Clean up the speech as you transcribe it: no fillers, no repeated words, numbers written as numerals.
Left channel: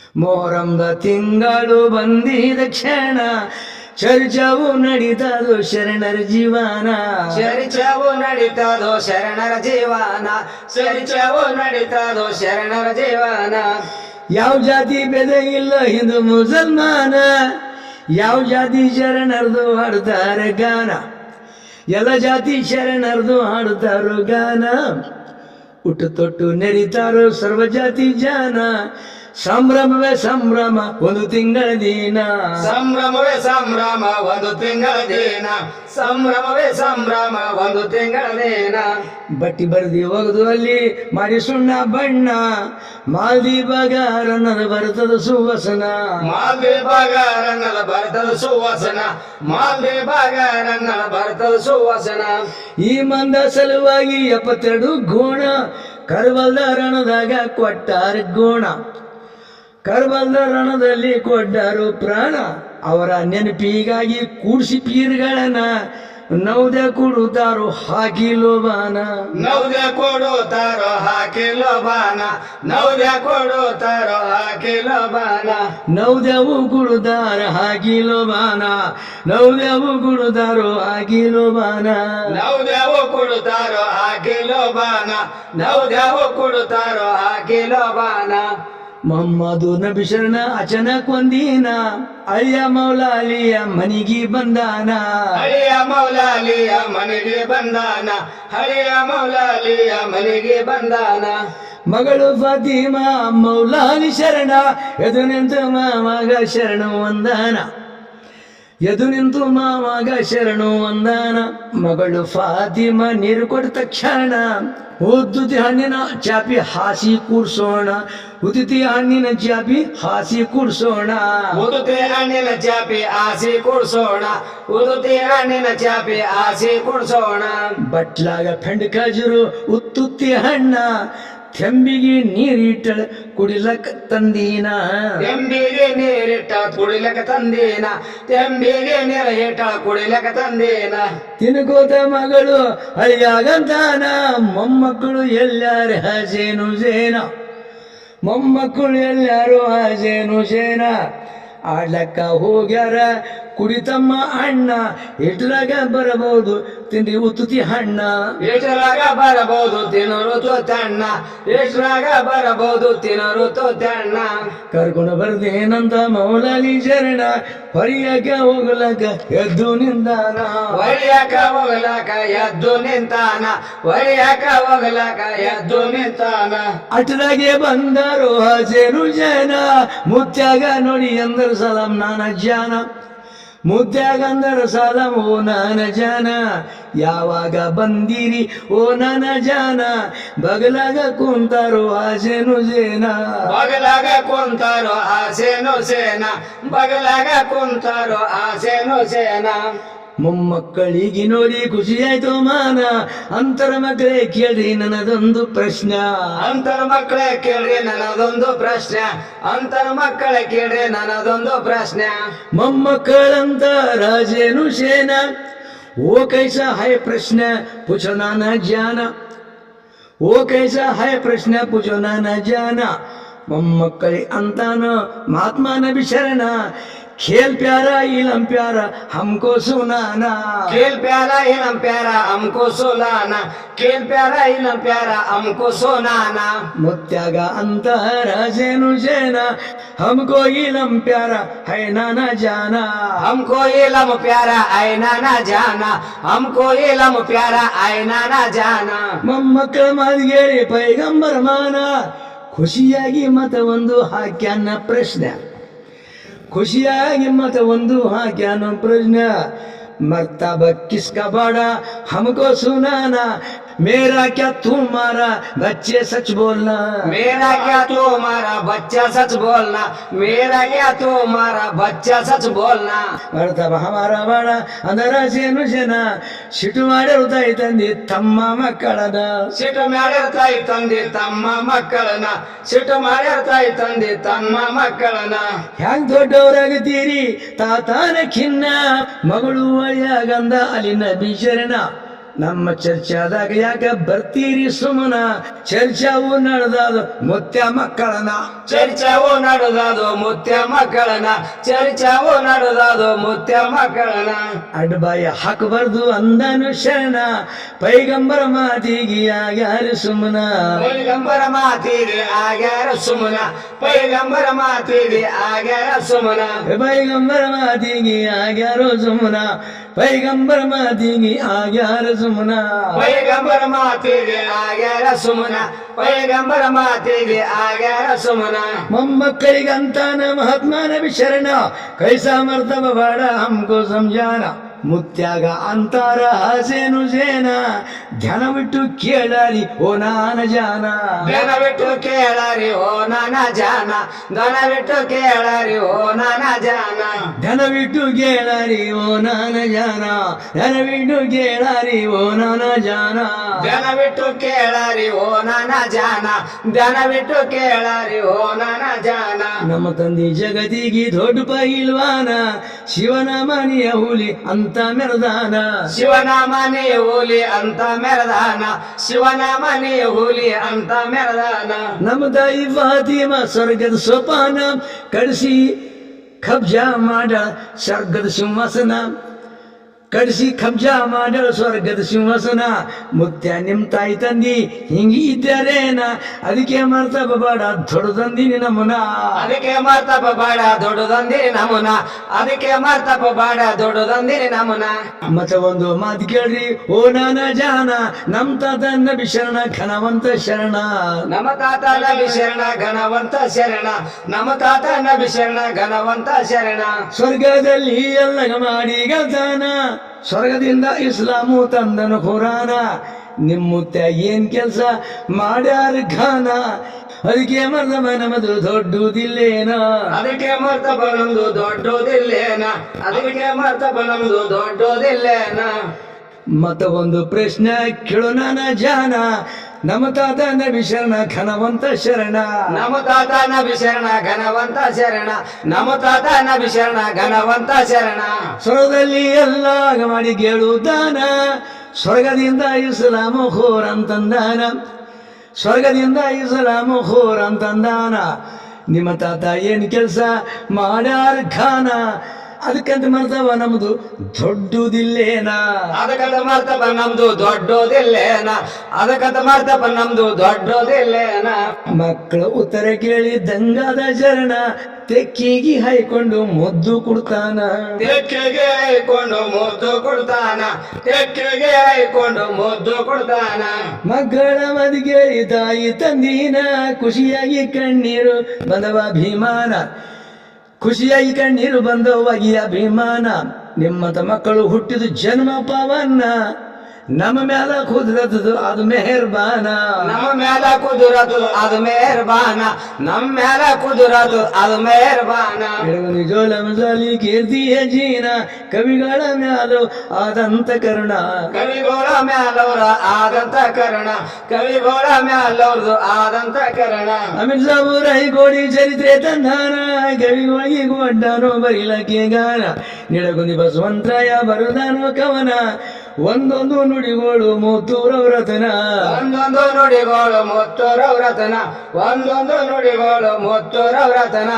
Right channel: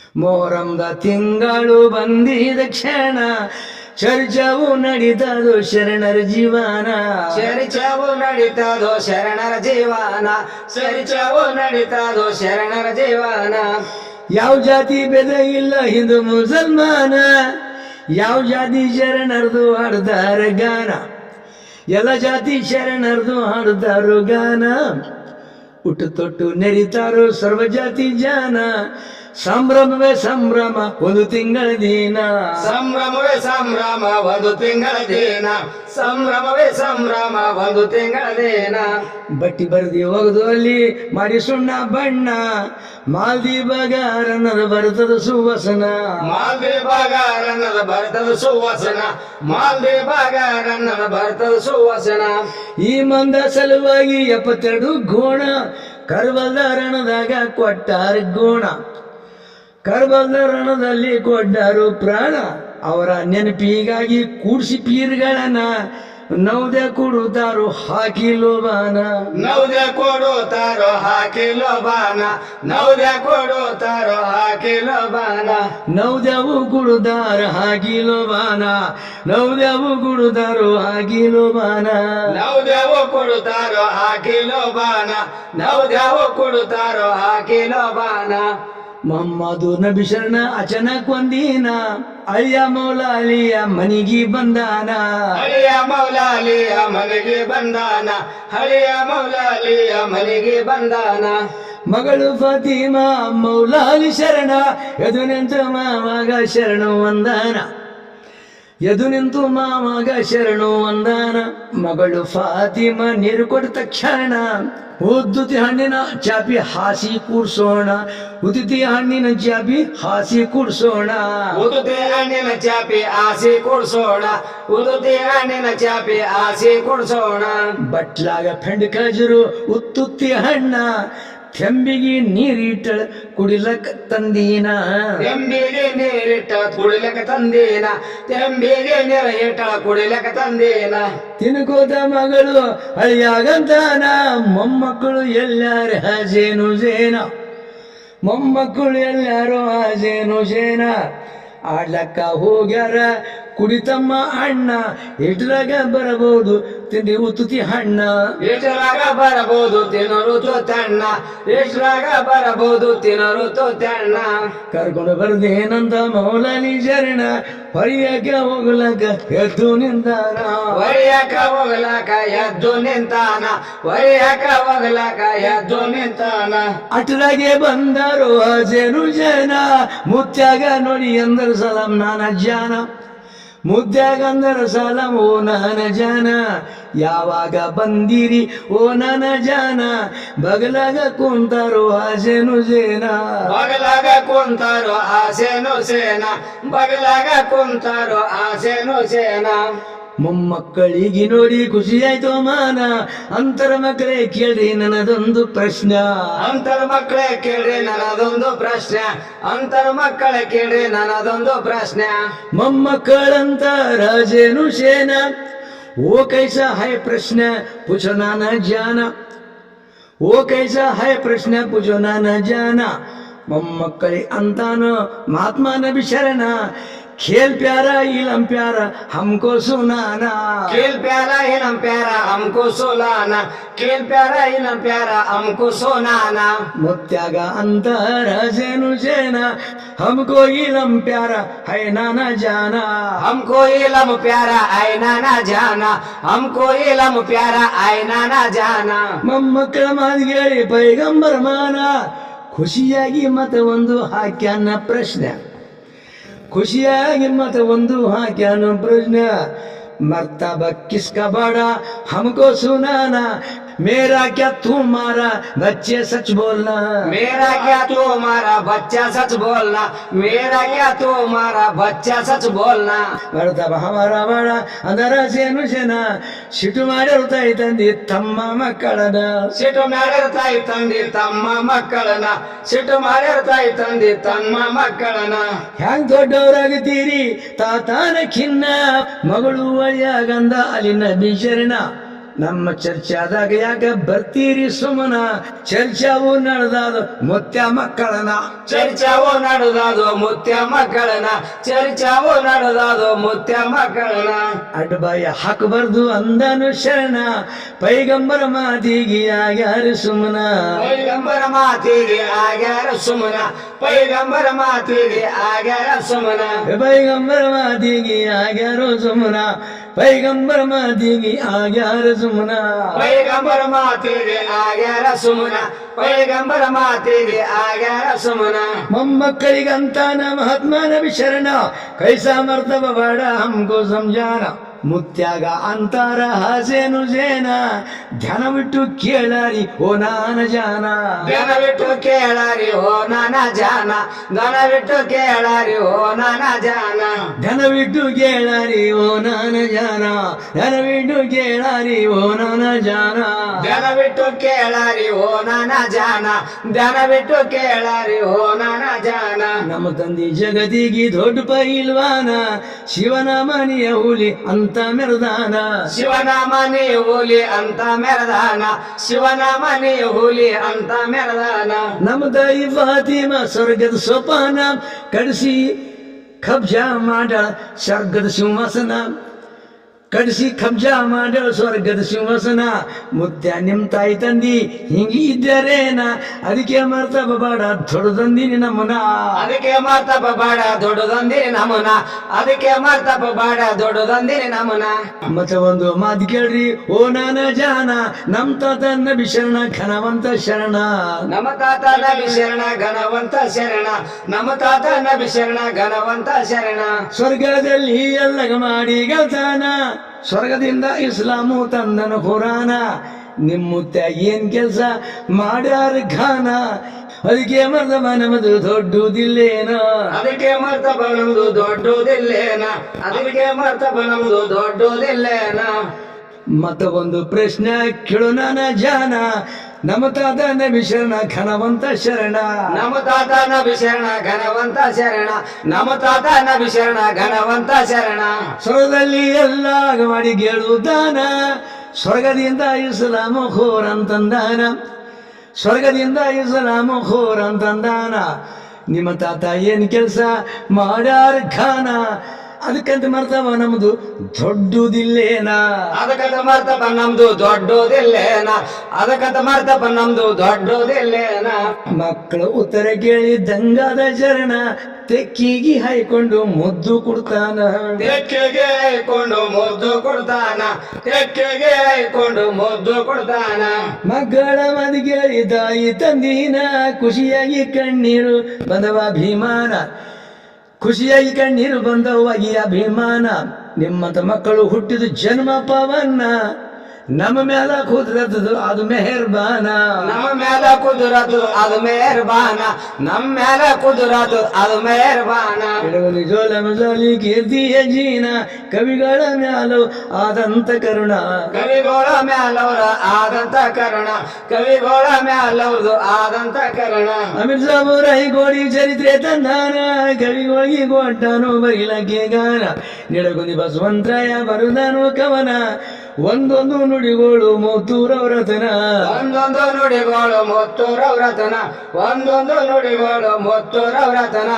ಮೊಹರಂದ ತಿಂಗಳು ಬಂದಿದ ಕ್ಷಣ ಚರ್ಚವು ನಡೀತದೋ ಶರಣರ ಜೀವನ. ಚರ್ಚವು ನಡೀತದೋ ಶರಣರ ಜೀವನ. ಚರ್ಚವು ನಡೀತದೋ ಶರಣರ ಜೀವನ. ಯಾವ ಜಾತಿ ಭೇದ ಇಲ್ಲ ಹಿಂದೂ ಮುಸಲ್ಮಾನ, ಯಾವ ಜಾತಿ ಶರಣರ್ದು ಹಾಡ್ದಾರ ಗಾನ. ಎಲ್ಲ ಜಾತಿ ಶರಣರ್ದು ಹಾಡ್ದಾರೋ ಗಾನ. ಹುಟ್ಟು ತೊಟ್ಟು ನೆರಿತಾರೋ ಸರ್ವ ಜಾತಿ ಜಾನ. ಸಂಭ್ರಮವೇ ಸಂಭ್ರಮ ಒಂದು ತಿಂಗಳ ದಿನ. ಸಂಭ್ರಮವೇ ಸಂಭ್ರಮ ಒಂದು ತಿಂಗಳ ದಿನ. ಸಂಭ್ರಮವೇ ಸಂಭ್ರಮ ಒಂದು ತಿಂಗಳ ದಿನ. ಬಟ್ಟಿ ಬರ್ದಿ ಒಗದು ಅಲ್ಲಿ ಮಾಡಿ ಸುಣ್ಣ ಬಣ್ಣ. ಮಾಲ್ದೀಬಗಾರನ್ನದ ಬರ್ತದ ಸುವಾಸನ. ಮಾಲ್ದೀಬಗಾರನ್ನದ ಬರ್ತದ ಸುವಾಸನ. ಮಾಲ್ದೀಬಗಾರನ್ನದ ಬರ್ತದ ಸುವಾಸನ. ಈ ಮಂದ ಸಲುವಾಗಿ 72 ಗೋಣ ಕರ್ಬಲ್ದ ರಣದಾಗ ಕೊಟ್ಟಾರ ಗೋಣ. ಕರ್ಬಲ್ದ ರಣದಲ್ಲಿ ಕೊಟ್ಟಾರು ಪ್ರಾಣ. ಅವರ ನೆನಪಿಗಾಗಿ ಕೂಡಿಸಿ ಪೀರ್ಗಳನ್ನ ನೌದೆ ಕೊಡುತ್ತಾರೋ ಹಾಕಿ ಲೋಬಾನ. ನೌದೆ ಕೊಡುತ್ತಾರೋ ಹಾಕಿ ಲೋಬಾನ. ನೌದೆ ಕೊಡುತ್ತಾರೋ ಹಾಕಿ ಲೋಬಾನ. ನೌದೆವು ಕುಡುದಾರ ಹಾಕಿ ಲೋಬಾನ. ನೌದೆವು ಕುಡುದಾರೋ ಹಾಕಿ ಲೋಬಾನ. ನೌದೆವು ಕೊಡುತ್ತಾರೋ ಹಾಕಿ ಲೋಬಾನ. ನೌದೆವು ಕೊಡುತ್ತಾರೋ ಹಾಕಿ ಲೋಬಾನ. ಮೊಹಮ್ಮದು ನಬಿ ಶರಣ ಅಚಾನಕ್ ಒಂದಿನ ಅಳಿಯ ಮೌಲಾಲಿಯ ಮನಿಗೆ ಬಂದಾನ. ಹಳಿಯ ಮೌಲಾಲಿಯ ಮನೆಗೆ ಬಂದಾನ. ಹಳಿಯ ಮೌಲಾಲಿಯ ಮನೆಗೆ ಬಂದಾನ. ಮಗಳು ಫಾತಿಮಾ ಮೌಲಾಲಿ ಶರಣ ಎದು ನಿಂತು ಮಾವಾಗ ಶರಣು ವಂದನ. ಎದು ನಿಂತು ಮಾವಾಗ ಶರಣು ವಂದನ. ಮಗಳು ಫಾತಿಮಾ ನೀರು ಕೊಟ್ಟ ತಕ್ಷಣ ಉದ್ದುತಿ ಹಣ್ಣಿನ ಚಾಪಿ ಹಾಸಿ ಕೂರ್ಸೋಣ. ಉದಿತಿ ಹಣ್ಣಿನ ಚಾಪಿ ಹಾಸಿ ಕೂರ್ಸೋಣ. ಉದುತಿ ಹಣ್ಣಿನ ಚಾಪಿ ಆಸಿ ಕುಡ್ಸೋಣ. ಉದುತಿ ಹಣ್ಣಿನ ಚಾಪಿ ಆಸಿ ಕುಡ್ಸೋಣ. ಬಟ್ಲಾಗ ಫೆಂಡ್ ಖಜರು ಉತ್ತುತ್ತಿ ಹಣ್ಣ ತೆಂಬಿಗೆ ನೀರಿಟ್ಟಳ ಕುಡಿಲಕ್ಕ ತಂದೀನ. ತೆಂಬಿಗೆ ನೀರಿಟ್ಟ ಕುಡಿಲಕ ತಂದೀನ. ತೆಂಬಿಗೆ ನೀರ ಇಟ್ಟ ಕುಡಿಲಕ ತಂದೀನ. ತಿನ್ಕೋತ ಮಗಳು ಅಳಿಯಾಗಂತಾನ. ಮೊಮ್ಮಕ್ಕಳು ಎಲ್ಲಾರು ಹಾಜೇನು ಜೇನ. ಮೊಮ್ಮಕ್ಕಳು ಎಲ್ಲಾರು ಹಾಜೇನು ಜೇನ. ಆಡ್ಲಕ್ಕ ಹೋಗ್ಯಾರ ಕುಡಿತಮ್ಮ ಅಣ್ಣ. ಇಟ್ಲಾಗ ಬರಬಹುದು ತಿಂಡಿ ಉತ್ತುತಿ ಹಣ್ಣ. ಎಷ್ಟರಾಗ ಬರಬಹುದು ತಿನ್ನೋರು ತೋತಣ್ಣ. ಎಷ್ಟರಾಗ ಬರಬಹುದು ತಿನ್ನೋರು ತೋತಣ್ಣ. ಕರ್ಕೊಂಡು ಬರ್ದೇನಂತ ಮೌಲಾಲಿ ಶರಣ ಹೊರಿಯಕ್ಕೆ ಹೋಗ್ಲಕ್ಕ ಎದ್ದು ನಿಂತಾನ. ಒಯ್ಯಕ ಹೋಗ್ಲಾಕ ಎದ್ದು ನಿಂತಾನ. ಒಯ್ಯಕ ಹೋಗ್ಲಾಕ ಎದ್ದು ನಿಂತಾನ. ಅಟ್ರಾಗೆ ಬಂದಾರೋ ಹಾಜೇನು ಜನ. ಮುತ್ಯಾಗ ನೋಡಿ ಅಂದರ ಸಲಾಂ ನಾನ ಜಾನ. ಮುದ್ದ್ಯಾಗ ಅಂದರ ಸಲಾಂ ಓ ನಾನ ಜಾನ. ಯಾವಾಗ ಬಂದಿರಿ ಓ ನಾನ ಜಾನ. ಬಗಲಾಗ ಕುಂತಾರೋ ಹಾಜೇನು ಜೇನ. ಬಗಲಾಗ ಕುಂತಾರೋ ಆಸೇನು ಸೇನ. ಬಗಲಾಗ ಕುಂತಾರೋ ಆಸೇನು ಸೇನ. ಮೊಮ್ಮಕ್ಕಳಿಗೆ ನೋಡಿ ಖುಷಿಯಾಯ್ತು ಮಾನ. ಅಂತರ ಮಕ್ಕಳೇ ಕೇಳ್ರಿ ನನ್ನದೊಂದು ಪ್ರಶ್ನೆ. ಅಂತರ ಮಕ್ಕಳೇ ಕೇಳ್ರಿ ನನ್ನದೊಂದು ಪ್ರಶ್ನೆ. ಅಂತರ ಮಕ್ಕಳೇ ಕೇಳ್ರಿ ನನ್ನದೊಂದು ಪ್ರಶ್ನೆ. ಮೊಮ್ಮಕ್ಕಳಂತ ರಾಜೇನು ಸೇನ. ಓ ಕೈಸಾ ಹೈ ಪ್ರಶ್ನೆ ಪುಛೋ ನಾನ ಜಾನ. ಓ ಕೈಸಾ ಹೈ ಪ್ರಶ್ನೆ ಪುಛೋ ನಾನ ಜಾನ. ಮೊಮ್ಮಕ್ಕಳಿ ಅಂತಾನ ಮಹಾತ್ಮ ನಬಿ ಶರಣ. खेल प्यारा इलम प्यारा हमको सुनाना. खेल प्यारा इलम प्यारा हमको सुनाना. खेल प्यारा इलम प्यारा हमको सुनाना. ಮುತ್ಯಾಗ ಅಂತರ ಜೇನು ಜೇನ. हमको इलम प्यारा है नाना जाना. हमको इलम प्यारा है नाना जाना. हमको इलम प्यारा है नाना जाना. ಮೊಮ್ಮಕ್ಕಳ ಮಾದಿಗೇಳಿ ಪೈಗಂಬರ ಮಾನ. ಖುಷಿಯಾಗಿ ಮತ ಒಂದು ಹಾಕ್ಯಾನ ಪ್ರಶ್ನೆ. ಖುಷಿಯಾಗಿ ಮತ ಒಂದು ಹಾಕ್ಯಾನು ಪ್ರಶ್ನೆ. मर्तबा किसका बड़ा हमको सुनाना. मेरा क्या तुम्हारा बच्चे सच बोलना. मेरा क्या तुम्हारा बच्चा सच बोलना. मेरा क्या तुम्हारा बच्चा सच बोलना. मर्तबा हमारा बड़ा अंदर ಸೇನು ಜನ. ಸಿಟ್ಟು ಮಾಡಿರುತ್ತಾಯಿ ತಂದೆ ತಮ್ಮ ಮಕ್ಕಳನ್ನ. ಸಿಟ್ಟು ಮಾಡಿರ್ತಾಯಿ ತಂದೆ ತಮ್ಮ ಮಕ್ಕಳನ್ನ. ಸಿಟ್ಟು ಮಾಡಿರ್ತಾಯಿ ತಂದೆ ತಮ್ಮ ಮಕ್ಕಳನ್ನ. ಹ್ಯಾಂಗ್ ದೊಡ್ಡವರಾಗುತ್ತೀರಿ ತಾತಾನ ಖಿನ್ನ. ಮಗಳು ಅಳಿಯಾಗಂದ ಅಲಿನ ಬಿಶರಣ. ನಮ್ಮ ಚರ್ಚಾದಾಗ ಯಾಕ ಬರ್ತೀರಿ ಸುಮನ ಚರ್ಚಾವು ನಡೆದಾದ ಮುತ್ಯ ಮಕ್ಕಳನ ಚರ್ಚಾವು ನಡೆದಾದು ಮುತ್ಯ ಮಕ್ಕಳನ ಚರ್ಚಾವು ನಡೆದಾದು ಮುತ್ಯ ಮಕ್ಕಳನ ಅಡ್ಬಾಯ ಹಾಕಬಾರ್ದು ಅಂದನು ಶರಣ ಪೈಗಂಬರ ಮಾತಿಗೆ ಆಗ್ಯಾರ ಸುಮನ ಪೈಗಂಬರ ಮಾತಿಗೆ ಆಗ್ಯಾರ ಸುಮನ ಪೈಗಂಬರ ಮಾತಿಗೆ ಆಗ್ಯಾರ ಸುಮನ ಪೈಗಂಬರ ಮಾತಿಗೆ ಆಗ್ಯಾರೋ ಸುಮನ ಪೈಗಂಬರ ಮಾತಿಗೆ ಆಗ್ಯಾರ ಸುಮನ ಪೈಗಂಬರ ಮಾತಿಗೆ ಆಗ್ಯಾರ ಸುಮನ ಪೈಗಂಬರ ಮಾತಿಗೆ ಆಗ್ಯಾರ ಸುಮನ ಮೊಮ್ಮಕ್ಕಳಿಗಂತಾನ ಮಹಾತ್ಮ ನಬಿ ಶರಣ ಕೈಸಾ ಮರ್ತವ ಬಾಡ ಹಮ್ಕೋ ಸಂಜಾನ ಮುತ್ಯಾಗ ಅಂತಾರ ಹಸೇನು ಸೇನ ಧ್ಯಾನವಿಟ್ಟು ಕೇಳಾರಿ ಓ ನಾನ ಜಾನ ದನವಿಟ್ಟು ಕೇಳಾರಿ ಓ ನಾನ ಜಾನ ದನವಿಟ್ಟು ಕೇಳಾರಿ ಓ ನಾನ ಜಾನ ಧನವಿಟ್ಟು ಕೇಳಾರಿ ಓ ನಾನ ಜಾನ ಧನವಿಟ್ಟು ಕೇಳಾರಿ ಓ ನಾನ ಜಾನ ದನವಿಟ್ಟು ಕೇಳಾರಿ ಓ ನಾನ ಜಾನ ದನವಿಟ್ಟು ಕೇಳಾರಿ ಓ ನಾನ ಜಾನ ನಮ್ಮ ತಂದೆ ಜಗತಿಗೆ ದೊಡ್ಡ ಪೈಲ್ವಾನ ಶಿವನ ಮನೆಯ ಹುಲಿ ಅಂತ ಮೆರದಾನ ಶಿವನಾಮನಿ ಹುಲಿ ಅಂತ ಮೆರದಾನ ಶಿವನಾಮನಿ ಹುಲಿ ಅಂತ ಮೆರದಾನ ನಮ್ಮ ತಾಯಿ ಫಾತಿಮ ಸ್ವರ್ಗದ ಸೋಪಾನ ಕಡಿಸಿ ಕಬ್ಜಾ ಮಾಡಳ ಸ್ವರ್ಗದ ಸಿಂಹಾಸನ ಕಡಿಸಿ ಕಬ್ಜಾ ಮಾಡಳ ಸ್ವರ್ಗದ ಸಿಂಹಾಸನ ಮುತ್ಯ ನಿಮ್ ತಾಯಿ ತಂದಿ ಹಿಂಗಿ ಇದ್ದಾರೇನ ಅದಕ್ಕೆ ಮರ್ತಬ ಬಾಡ ದೊಡ್ಡದಂದಿನಿ ನಮನ ಅದಕ್ಕೆ ಮರ್ತಪ ಬಾಡ ದೊಡ್ಡದಂದಿನಿ ನಮನ ಅದಕ್ಕೆ ಮರ್ತಪ ಬಾಡ ದೊಡ್ಡದಂದಿನಿ ನಮನ ಮತ್ತ ಒಂದು ಮಾತು ಕೇಳ್ರಿ ಓ ನಾನ ಜಾನ ನಮ್ ತಾತ ನಬಿ ಶರಣ ಘನವಂತ ಶರಣ ನಮ್ಮ ತಾತ ನಬಿ ಶರಣ ಘನವಂತ ಶರಣ ನಮ್ಮ ತಾತ ನಬಿ ಶರಣ ಘನವಂತ ಶರಣ ಸ್ವರ್ಗದಲ್ಲಿ ಎಲ್ಲಗ ಮಾಡಿ ಗೆಲ್ತಾನ ಸ್ವರ್ಗದಿಂದ ಇಸ್ಲಾಮು ತಂದನು ಖುರಾನ ನಿಮ್ ಮುತ್ಯ ಏನ್ ಕೆಲ್ಸ ಮಾಡ್ಯಾರ ಘಾನ ಅದಕ್ಕೆ ಮರ್ದಮ ನಮದು ದೊಡ್ಡದಿಲ್ಲೇನ ಅದಕ್ಕೆ ಮರ್ತಪ ನಮ್ದು ದೊಡ್ಡದಿಲ್ಲೇನ ಅದಕ್ಕೆ ಮರ್ತಪ ನಮ್ದು ದೊಡ್ಡದಿಲ್ಲೇನ ಮತ್ತ ಒಂದು ಪ್ರಶ್ನೆ ಕೇಳು ನಾನ ಜಾನ ನಮ್ಮ ತಾತ ನಬಿ ಶರಣ ಘನವಂತ ಶರಣ ನಮ್ಮ ತಾತ ನಬಿ ಶರಣ ಘನವಂತ ಶರಣ ನಮ್ಮ ತಾತ ನಬಿ ಶರಣ ಘನವಂತ ಶರಣ ಸ್ವರ್ಗದಲ್ಲಿ ಎಲ್ಲ ಮಾಡಿ ಗೆಳುದಾನ ಸ್ವರ್ಗದಿಂದ ಇಸ್ಲಾಮು ಖೋರ್ ಅಂತಂದಾನ ಸ್ವರ್ಗದಿಂದ ಇಸ್ಲಾಮು ಖೋರ್ ಅಂತಂದಾನ ನಿಮ್ಮ ತಾತ ಏನ್ ಕೆಲಸ ಮಾಡ್ಯಾರ ಘಾನ ಅದಕ್ಕಂತ ಮರ್ತವ ನಮ್ದು ದೊಡ್ಡದಿಲ್ಲೇನ ಅದಕ್ಕಂತ ಮರ್ತಪ ನಮ್ದು ದೊಡ್ಡದಿಲ್ಲೇನ ಅದಕ್ಕಂತ ಮರ್ತಪ ನಮ್ದು ದೊಡ್ಡದಿಲ್ಲೇನ ಮಕ್ಕಳು ಉತ್ತರ ಕೇಳಿ ದಂಗಾದ ಶರಣ ತೆಕ್ಕಿಗಿ ಹಾಯ್ಕೊಂಡು ಮುದ್ದು ಕೊಡ್ತಾನ ತೆಕ್ಕೆಗೆ ಹಾಯ್ಕೊಂಡು ಮುದ್ದು ಕೊಡ್ತಾನ ತೆಕ್ಕೆಗೆ ಹಾಯ್ಕೊಂಡು ಮುದ್ದು ಕೊಡ್ತಾನ ಮಕ್ಕಳ ಮದ್ ಕೇಳಿ ತಾಯಿ ತಂದಿನ ಖುಷಿಯಾಗಿ ಕಣ್ಣೀರು ಬಂದವ ಅಭಿಮಾನ ಖುಷಿಯಾಗಿ ಕಣ್ಣೀರು ಬಂದವಾಗಿ ಅಭಿಮಾನ ನಿಮ್ಮಂತ ಮಕ್ಕಳು ಹುಟ್ಟಿದ ಜನ್ಮ ಪವನ್ನ ನಮ್ಮ ಮ್ಯಾಲ ಕುದ್ರತದು ಅದು ಮೆಹರ್ಬಾನ ನಮ್ಮ ಮ್ಯಾಲ ಕುದುರತು ಅದು ಮೆಹರ್ಬಾನ ನಮ್ಮ ಮ್ಯಾಲ ಕುದುರತು ಅದು ಮೆಹರ್ಬಾನ ಹಿಡಗುನಿ ಜೋಲ ಮಜಾಲಿ ಕೀರ್ತಿಯ ಜೀನ ಕವಿಗಳ ಮ್ಯಾಲು ಆದಂತ ಕರುಣ ಕವಿಗೋಳ ಮ್ಯಾಲವ್ರ ಆದಂತ ಕರುಣ ಕವಿಗೋಳ ಮ್ಯಾಲವ್ರದು ಆದಂತ ಕರುಣ ಅಮೀರ್ ಸಾಬು ರಾಯಿ ಗೋಡಿ ಚರಿತ್ರೆ ತಂದಾನ ಕವಿಗಳಿಗೆ ಗೊಡ್ಡಾನು ಬರಿಲಕ್ಕೆ ಗಾನ ನಿಡಗುಂದಿ ಬಸವಂತರಾಯ ಬರುದಾನು ಕವನ ಒಂದೊಂದು ನುಡಿಗೋಳು ಮೂತೂರವ್ರತನ ಒಂದೊಂದು ನುಡಿಗೋಳು ಮುತ್ತೂರವ್ರತನ ಒಂದೊಂದು ನುಡಿಗೋಳು ಮುತ್ತೂರವ್ರತನ